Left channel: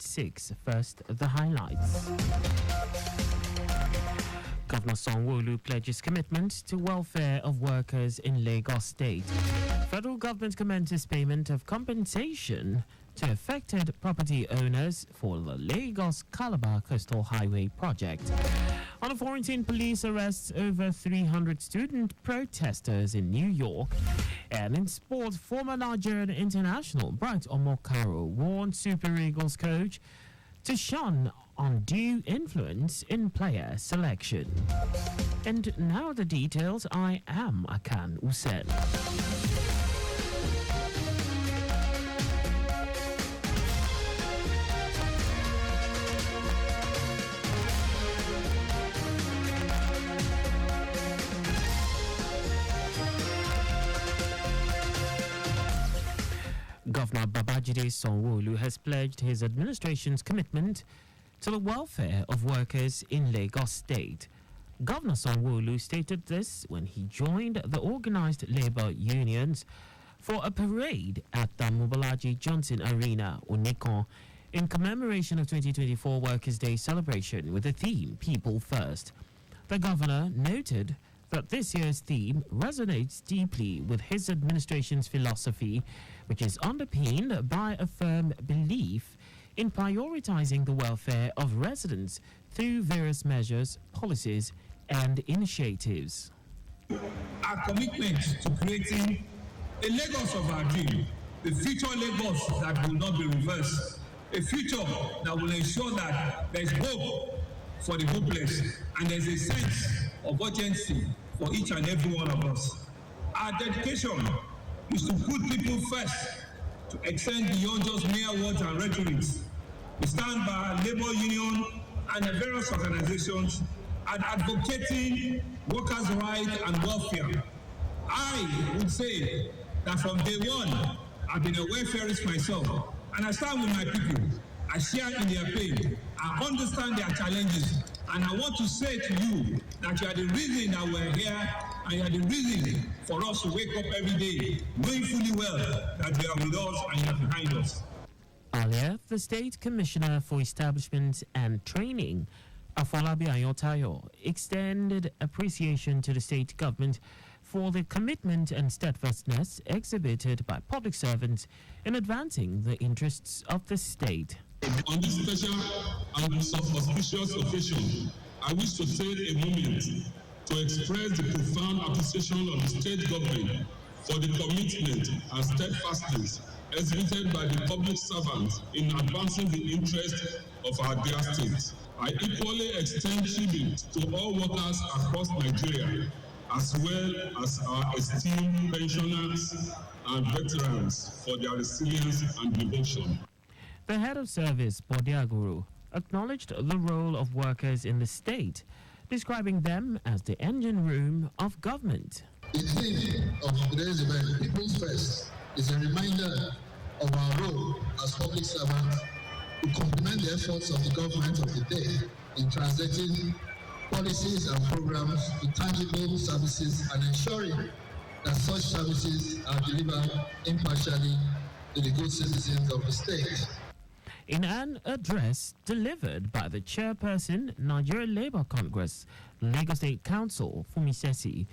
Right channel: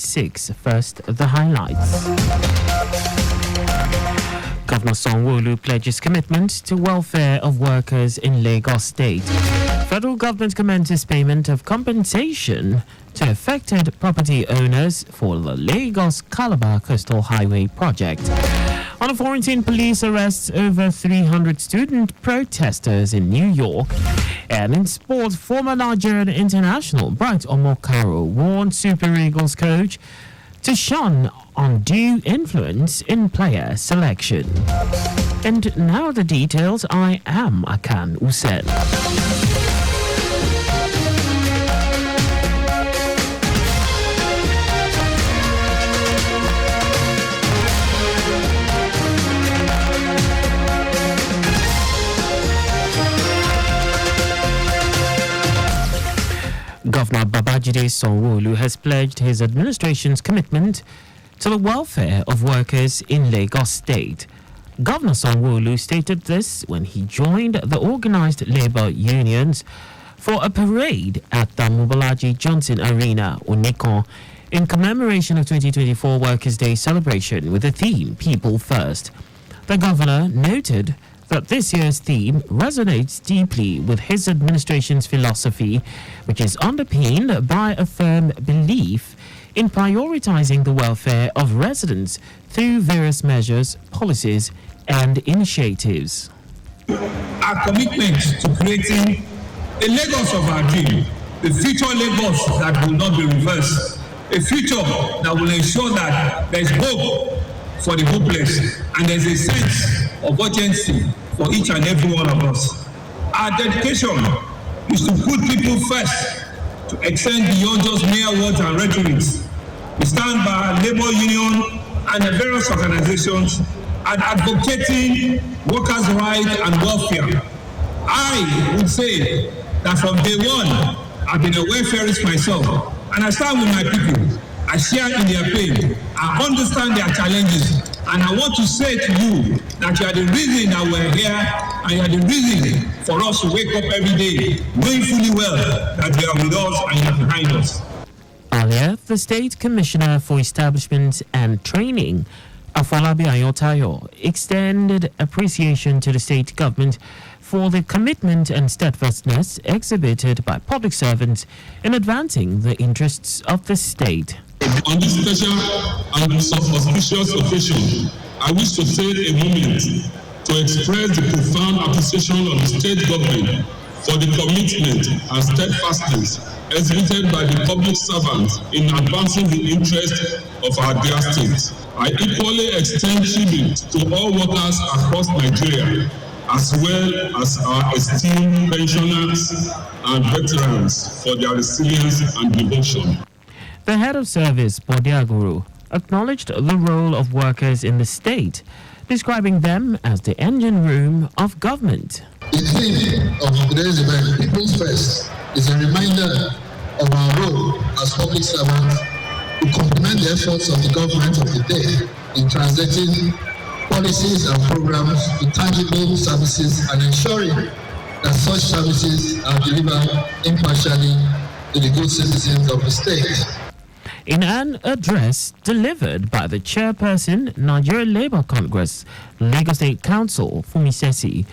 at 6. First, the highlights. Governor Sanwo-Olu pledges commitment to welfare of workers in Lagos State. Federal government commences payment of compensation to affected property owners for the Lagos-Calabar Coastal Highway project. On a quarantine, police arrests over 300 student protesters in New York. And in sport, former Nigerian international Bright Omokaro warned Super Eagles coach to shun undue influence in player selection. And now the details. I am Akan Usen. Governor Babajide Sanwo-Olu has pledged his administration's commitment to the welfare of workers in Lagos State. Governor Sanwo-Olu stated this when he joined the organized labor unions for a parade at the Mobolaji Johnson Arena, Onikon, in commemoration of 2024 Workers' Day celebration with the theme People First. The governor noted that this year's theme resonates deeply with his administration's philosophy, which is underpinned by a firm belief in prioritizing the welfare of residents through various measures, policies, and initiatives. Our commitment to creating a Lagos of our dream, a future Lagos that will not be reversed, a future that will ensure that there's hope for the hopeless and there's a sense of urgency for each and every one of us. Our dedication is to put people first, to extend beyond just mere words and rhetorics. We stand by our labor union and the various organizations and advocating workers' rights and welfare. I would say that from day one, I've been a welfarist myself, and I stand with my people. I share in their pain. I understand their challenges. And I want to say to you that you are the reason that we're here, and you are the reason for us to wake up every day, knowing fully well that you are with us and you are behind us. Earlier, the State Commissioner for Establishment and Training, Afolabi Ayotayo, extended appreciation to the state government for the commitment and steadfastness exhibited by public servants in advancing the interests of the state. On this special and auspicious occasion, I wish to take a moment to express the profound appreciation of the state government for the commitment and steadfastness exhibited by the public servants in advancing the interests of our dear state. I equally extend tribute to all workers across Nigeria, as well as our esteemed pensioners and veterans for their resilience and devotion. The head of service, Bodiaguru, acknowledged the role of workers in the state, describing them as the engine room of government. The theme of today's event, People First, is a reminder of our role as public servants to complement the efforts of the government of the day in translating policies and programs to tangible services and ensuring that such services are delivered impartially to the good citizens of the state. In an address delivered by the chairperson, Nigerian Labour Congress, Lagos State Council, Fumi Sesi,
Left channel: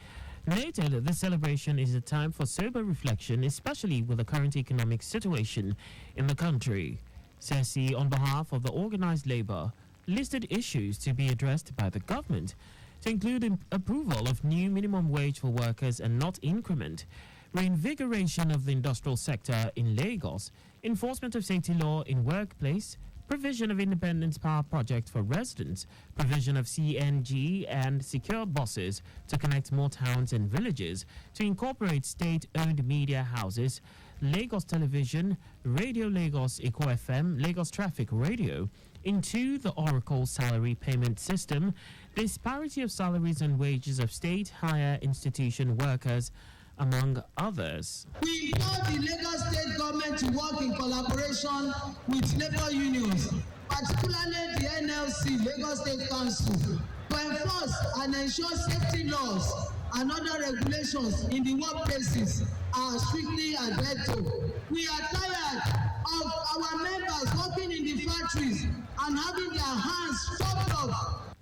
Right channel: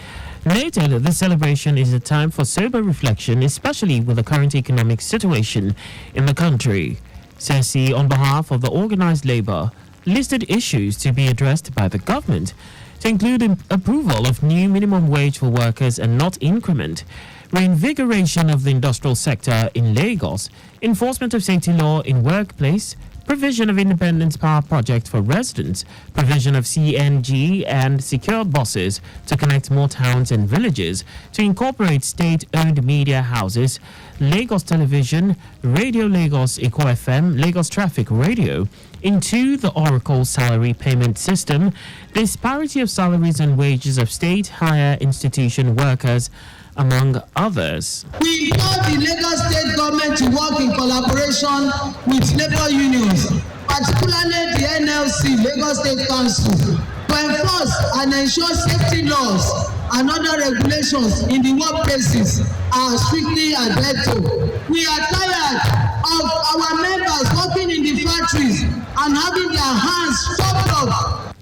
noted that the celebration is a time for sober reflection, especially with the current economic situation in the country. Sesi, on behalf of the organised labour, listed issues to be addressed by the government, to include approval of new minimum wage for workers and not increment, reinvigoration of the industrial sector in Lagos, enforcement of safety law in workplace, provision of independent power project for residents, provision of CNG and secure buses to connect more towns and villages, to incorporate state-owned media houses, Lagos Television, Radio Lagos Eco FM, Lagos Traffic Radio, into the Oracle salary payment system, disparity of salaries and wages of state higher institution workers, among others. We implore the Lagos State government to work in collaboration with labor unions, particularly the NLC, Lagos State Council, to enforce and ensure safety laws and other regulations in the workplaces are strictly adhered to. We are tired of our members working in the factory factories and having their hands chopped off.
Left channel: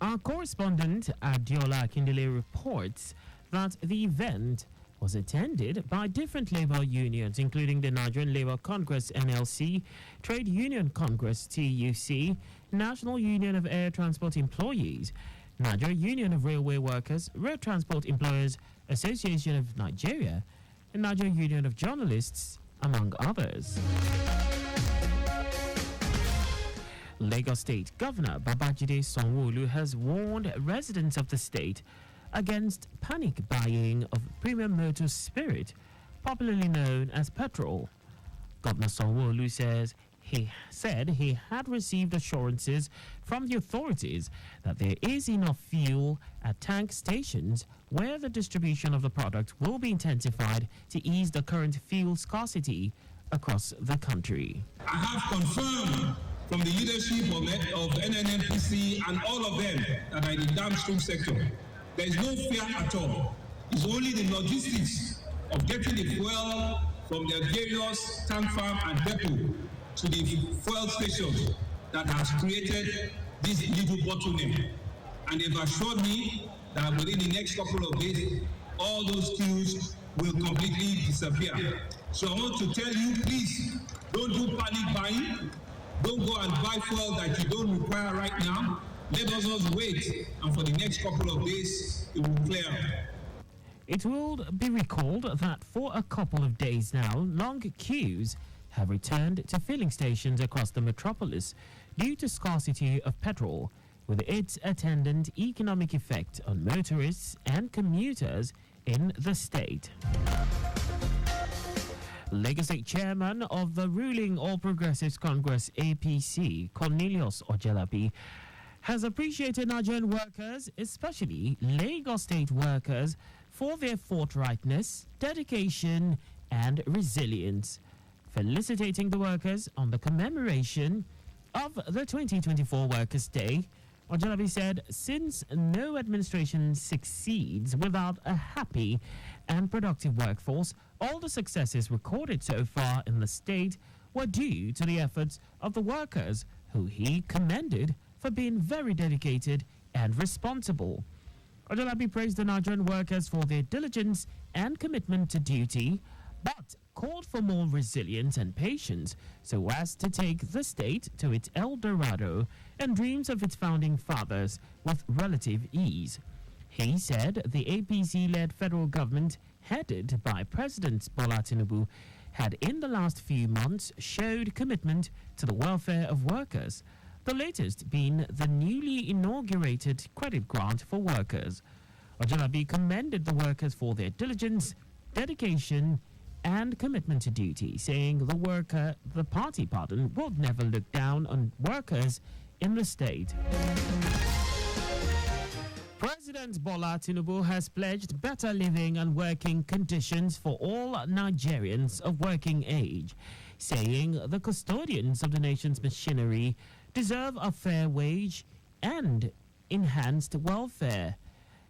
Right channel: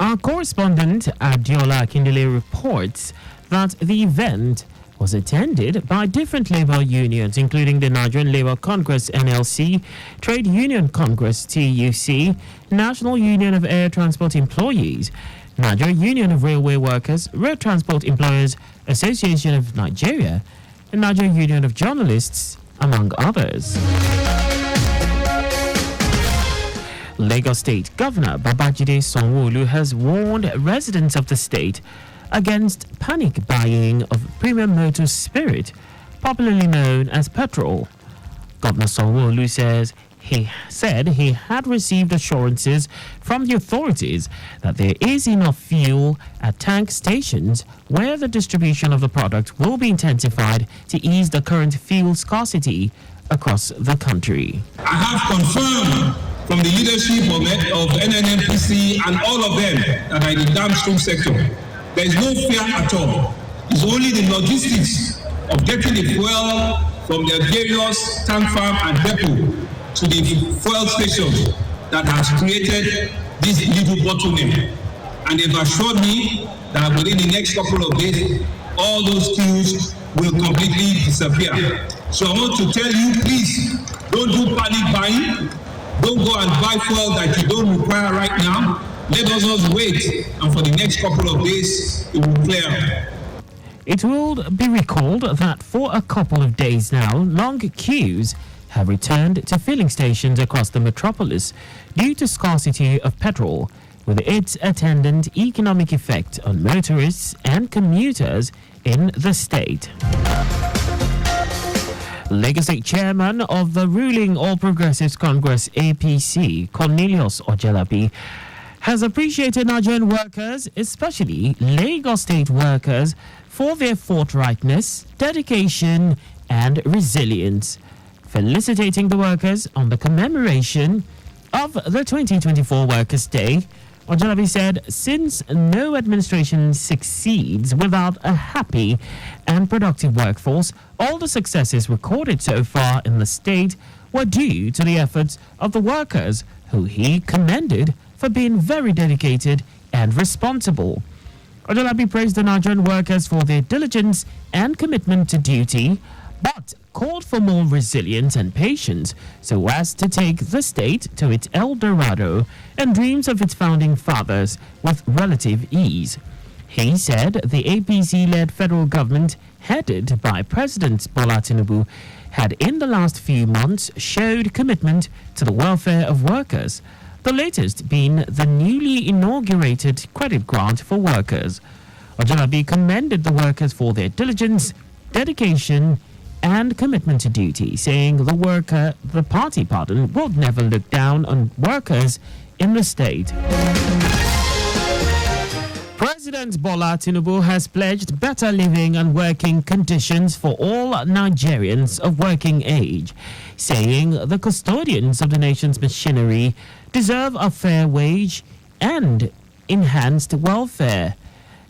Our correspondent Adiola Akindele reports that the event was attended by different labor unions, including the Nigerian Labour Congress (NLC), Trade Union Congress (TUC), National Union of Air Transport Employees, Nigeria Union of Railway Workers, Road Transport Employers Association of Nigeria, and Nigeria Union of Journalists, among others. Lagos State Governor Babajide Sanwo-Olu has warned residents of the state against panic buying of premium motor spirit, popularly known as petrol. Governor Sanwo-Olu said he had received assurances from the authorities that there is enough fuel at tank stations where the distribution of the product will be intensified to ease the current fuel scarcity across the country. I have confirmed from the leadership of NNPC and all of them that are in the downstream sector, there is no fear at all. It's only the logistics of getting the fuel from the various tank farm and depot to the fuel stations that has created this little bottleneck. And they've assured me that within the next couple of days, all those queues will completely disappear. So I want to tell you, please, don't do panic buying. Don't go and buy fuel that you don't require right now. Let us just wait, and for the next couple of days, it will clear. It will be recalled that for a couple of days now, long queues have returned to filling stations across the metropolis due to scarcity of petrol, with its attendant economic effect on motorists and commuters in the state. Lagos State Chairman of the ruling All Progressives Congress APC, Cornelius Ojelabi, has appreciated Nigerian workers, especially Lagos State workers, for their forthrightness, dedication, and resilience, felicitating the workers on the commemoration of the 2024 Workers' Day. Ojelabi said, since no administration succeeds without a happy and productive workforce, all the successes recorded so far in the state were due to the efforts of the workers, who he commended for being very dedicated and responsible. Ojelabi praised the Nigerian workers for their diligence and commitment to duty, but called for more resilience and patience so as to take the state to its El Dorado and dreams of its founding fathers with relative ease. He said the APC-led federal government, headed by President Bola Tinubu, had in the last few months showed commitment to the welfare of workers, the latest being the newly inaugurated credit grant for workers. Ojelabi commended the workers for their diligence, dedication, and commitment to duty, saying the party will never look down on workers in the state. President Bola Tinubu has pledged better living and working conditions for all Nigerians of working age, saying the custodians of the nation's machinery deserve a fair wage and enhanced welfare.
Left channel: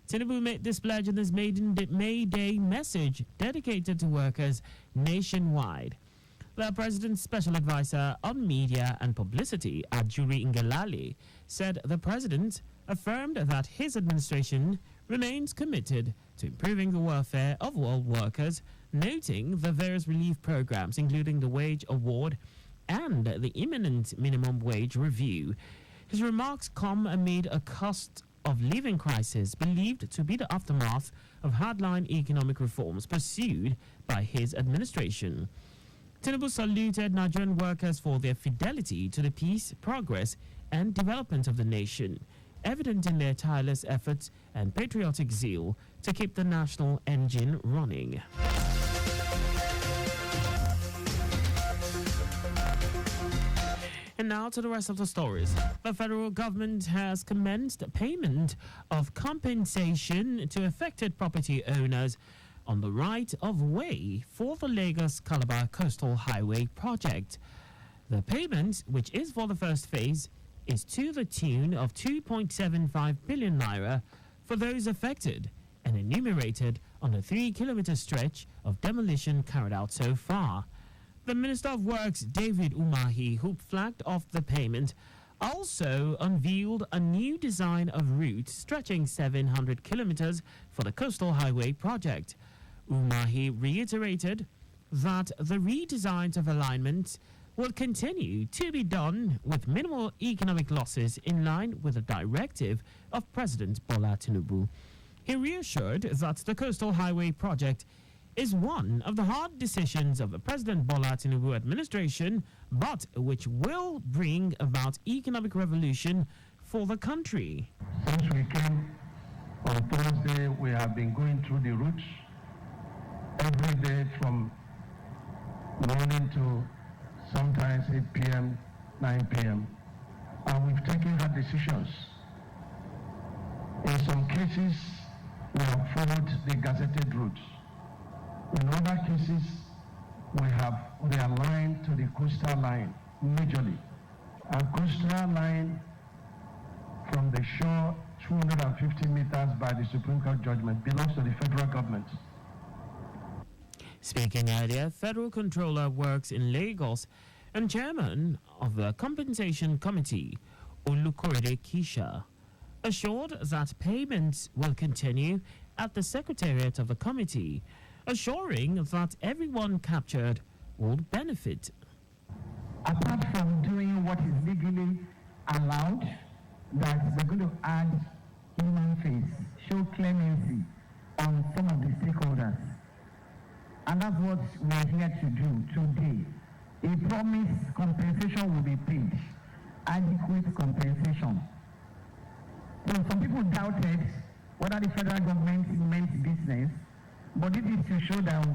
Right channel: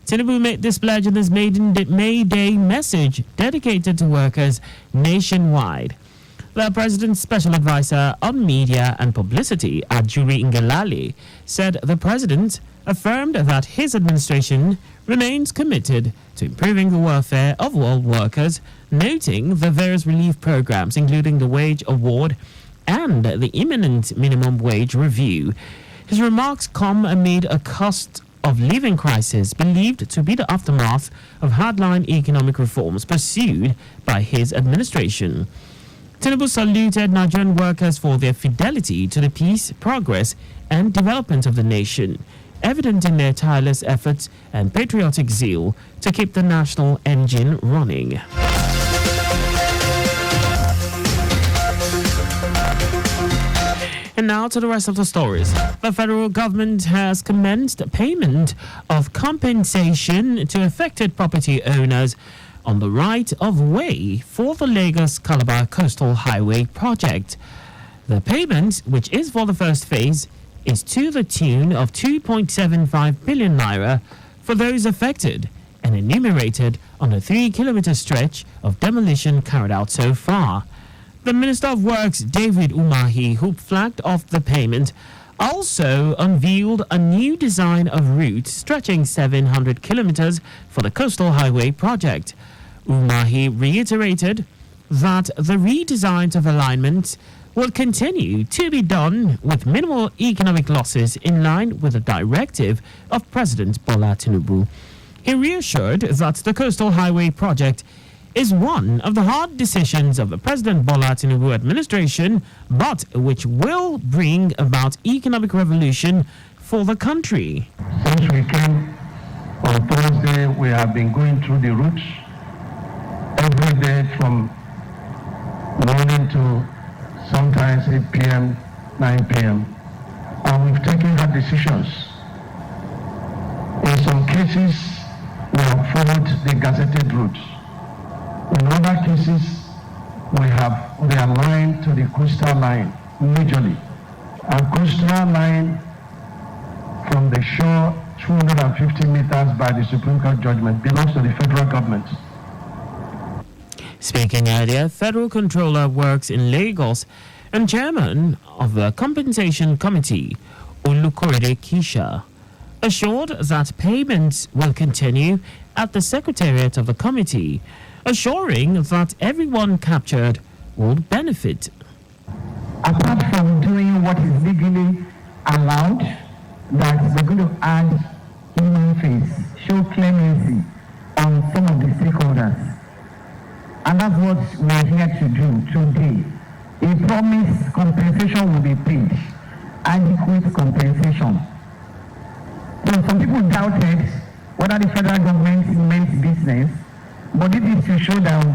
Tinubu made this pledge in his May Day message dedicated to workers nationwide. The president's special advisor on media and publicity, Ajuri Ngelale, said the president affirmed that his administration remains committed to improving the welfare of all workers, noting the various relief programs, including the wage award and the imminent minimum wage review. His remarks come amid a cost of living crisis believed to be the aftermath of hardline economic reforms pursued by his administration. Tinubu saluted Nigerian workers for their fidelity to the peace, progress, and development of the nation, evident in their tireless efforts and patriotic zeal to keep the national engine running. And now to the rest of the stories. The federal government has commenced payment of compensation to affected property owners on the right of way for the Lagos-Calabar Coastal Highway project. The payment, which is for the first phase, is to the tune of 2.75 billion naira for those affected and enumerated on a 3-kilometer stretch of demolition carried out so far. The Minister of Works, David Umahi, who flagged off the payment, also unveiled a new design of route stretching 700 kilometers for the Coastal Highway project. Umahi reiterated that the redesigns of alignment will continue to be done with minimal economic losses in line with the directive of President Bola Tinubu. He reassured that the Coastal Highway project is one of the hard decisions of the President Bola Tinubu administration, but which will bring about economic revolution for the country. Since we came on Thursday, we have been going through the routes every day from morning to sometimes 8 p.m., 9 p.m. And we've taken hard decisions. In some cases, we have followed the gazetted routes. In other cases, we have realigned to the coastal line majorly. And coastal line from the shore 250 meters by the Supreme Court judgment belongs to the federal government. Speaking earlier, Federal Controller Works in Lagos and Chairman of the Compensation Committee, Olukorede Kisha, assured that payments will continue at the Secretariat of the committee, assuring that everyone captured will benefit. Apart from doing what is legally allowed, that we're going to add human face, show clemency on some of the stakeholders. And that's what we're here to do today. A promised compensation will be paid, adequate compensation. So some people doubted whether the federal government meant business, but it is to show that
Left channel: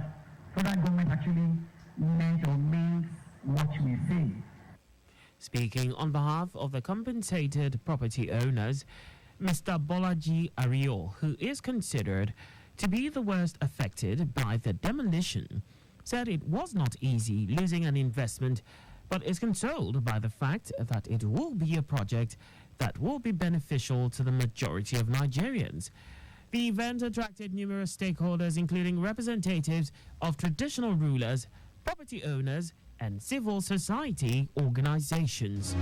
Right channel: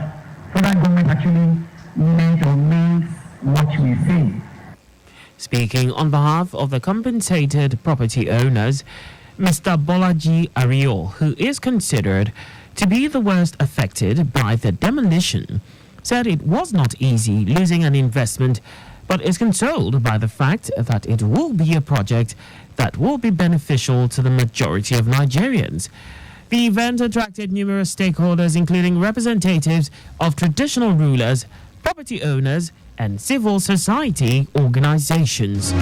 federal government actually meant or means what we say. Speaking on behalf of the compensated property owners, Mr. Bolaji Ario, who is considered to be the worst affected by the demolition, said it was not easy losing an investment, but is consoled by the fact that it will be a project that will be beneficial to the majority of Nigerians. The event attracted numerous stakeholders, including representatives of traditional rulers, property owners, and civil society organizations.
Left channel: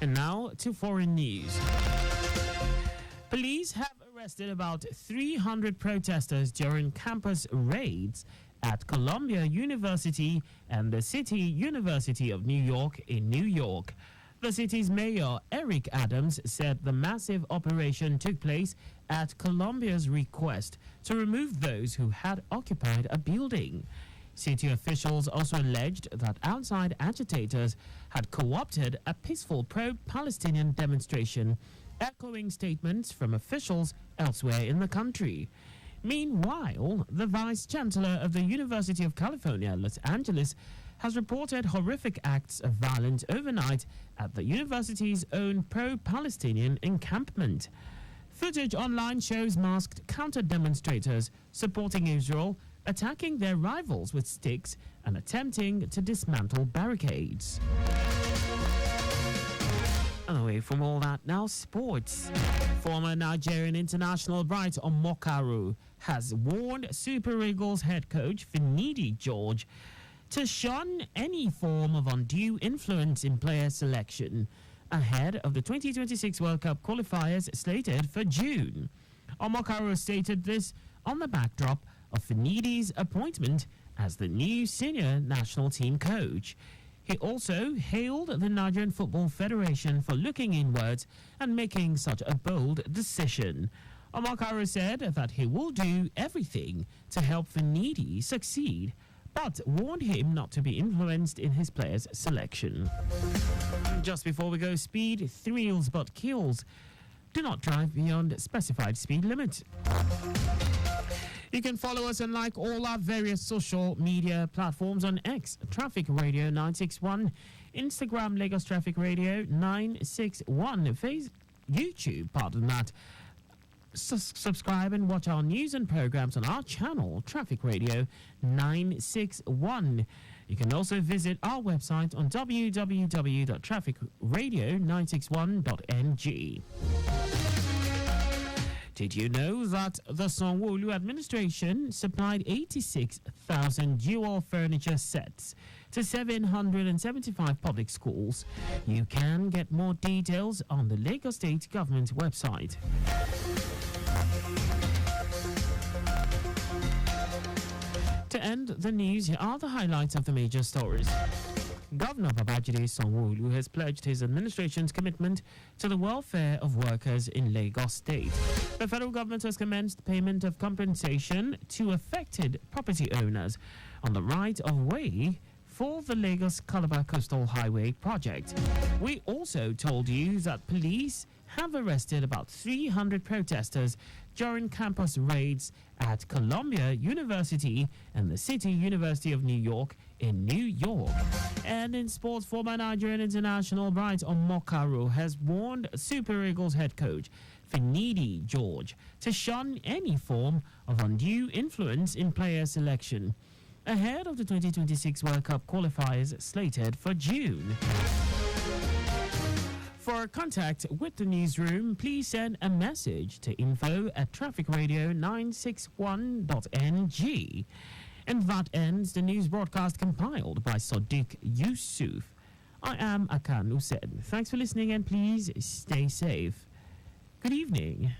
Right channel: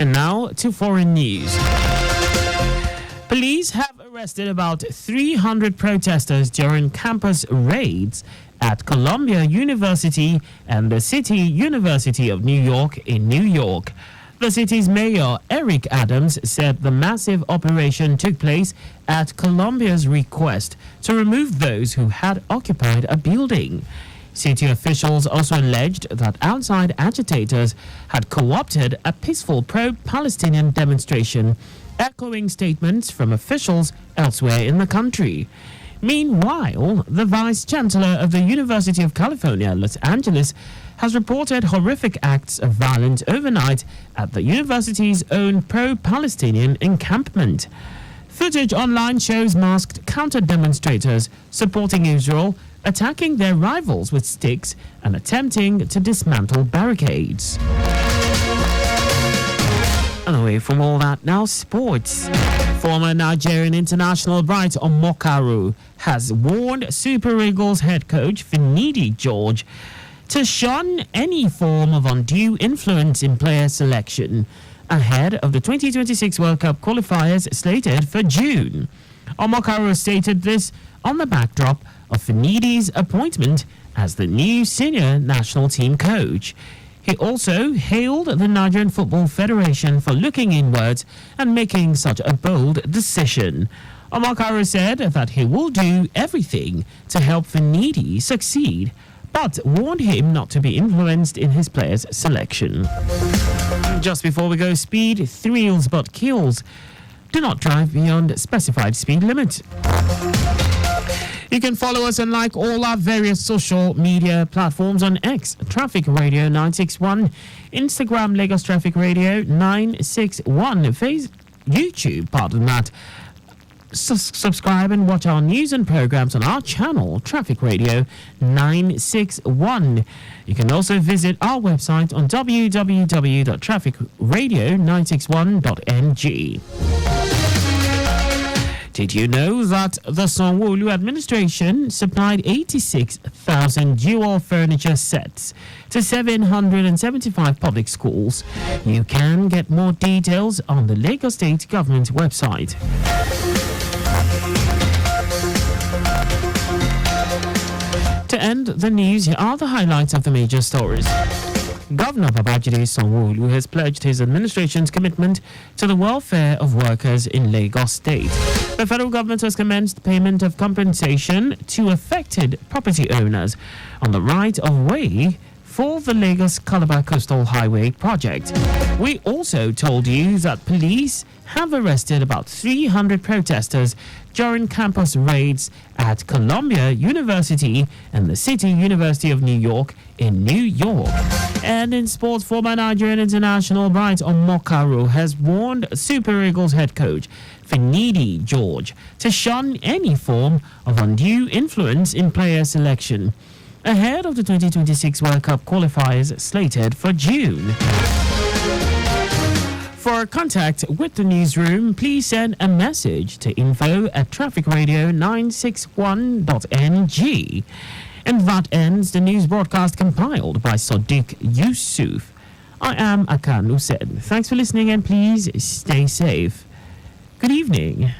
And now to foreign news. Police have arrested about 300 protesters during campus raids at Columbia University and the City University of New York in New York. The city's mayor, Eric Adams, said the massive operation took place at Columbia's request to remove those who had occupied a building. City officials also alleged that outside agitators had co-opted a peaceful pro-Palestinian demonstration, echoing statements from officials elsewhere in the country. Meanwhile, the Vice-Chancellor of the University of California, Los Angeles, has reported horrific acts of violence overnight at the university's own pro-Palestinian encampment. Footage online shows masked counter-demonstrators supporting Israel attacking their rivals with sticks and attempting to dismantle barricades. And away from all that, now sports. Former Nigerian international Bright Omokaru has warned Super Eagles head coach Finidi George to shun any form of undue influence in player selection ahead of the 2026 World Cup qualifiers slated for June. Omokaru stated this on the backdrop of Finidi's appointment as the new senior national team coach. He also hailed the Nigerian Football Federation for looking inwards and making such a bold decision. Omokaru said that he will do everything to help Finidi succeed, but warned him not to be influenced in his players' selection. Just before we go, speed thrills but kills. Do not drive beyond specified speed limit. You can follow us and like all our various social media platforms on X, Traffic Radio 961, Instagram, Lagos Traffic Radio 961, YouTube, pardon that. Subscribe and watch our news and programs on our channel, Traffic Radio 961. You can also visit our website on www.trafficradio961.ng. Did you know that the Sanwo-Olu administration supplied 86,000 dual furniture sets to 775 public schools? You can get more details on the Lagos State Government website. To end the news, here are the highlights of the major stories. Governor Babajide Sanwo-Olu has pledged his administration's commitment to the welfare of workers in Lagos State. The federal government has commenced payment of compensation to affected property owners on the right of way for the Lagos-Calabar Coastal Highway project. We also told you that police have arrested about 300 protesters during campus raids at Columbia University and the City University of New York in New York. And in sports, former Nigerian international Bright Omokaro has warned Super Eagles head coach Finidi George to shun any form of undue influence in player selection ahead of the 2026 World Cup qualifiers slated for June. For contact with the newsroom, please send a message to info@trafficradio961.ng. And that ends the news broadcast compiled by Sadiq Yusuf. I am Akan Usen. Thanks for listening and please stay safe. Good evening.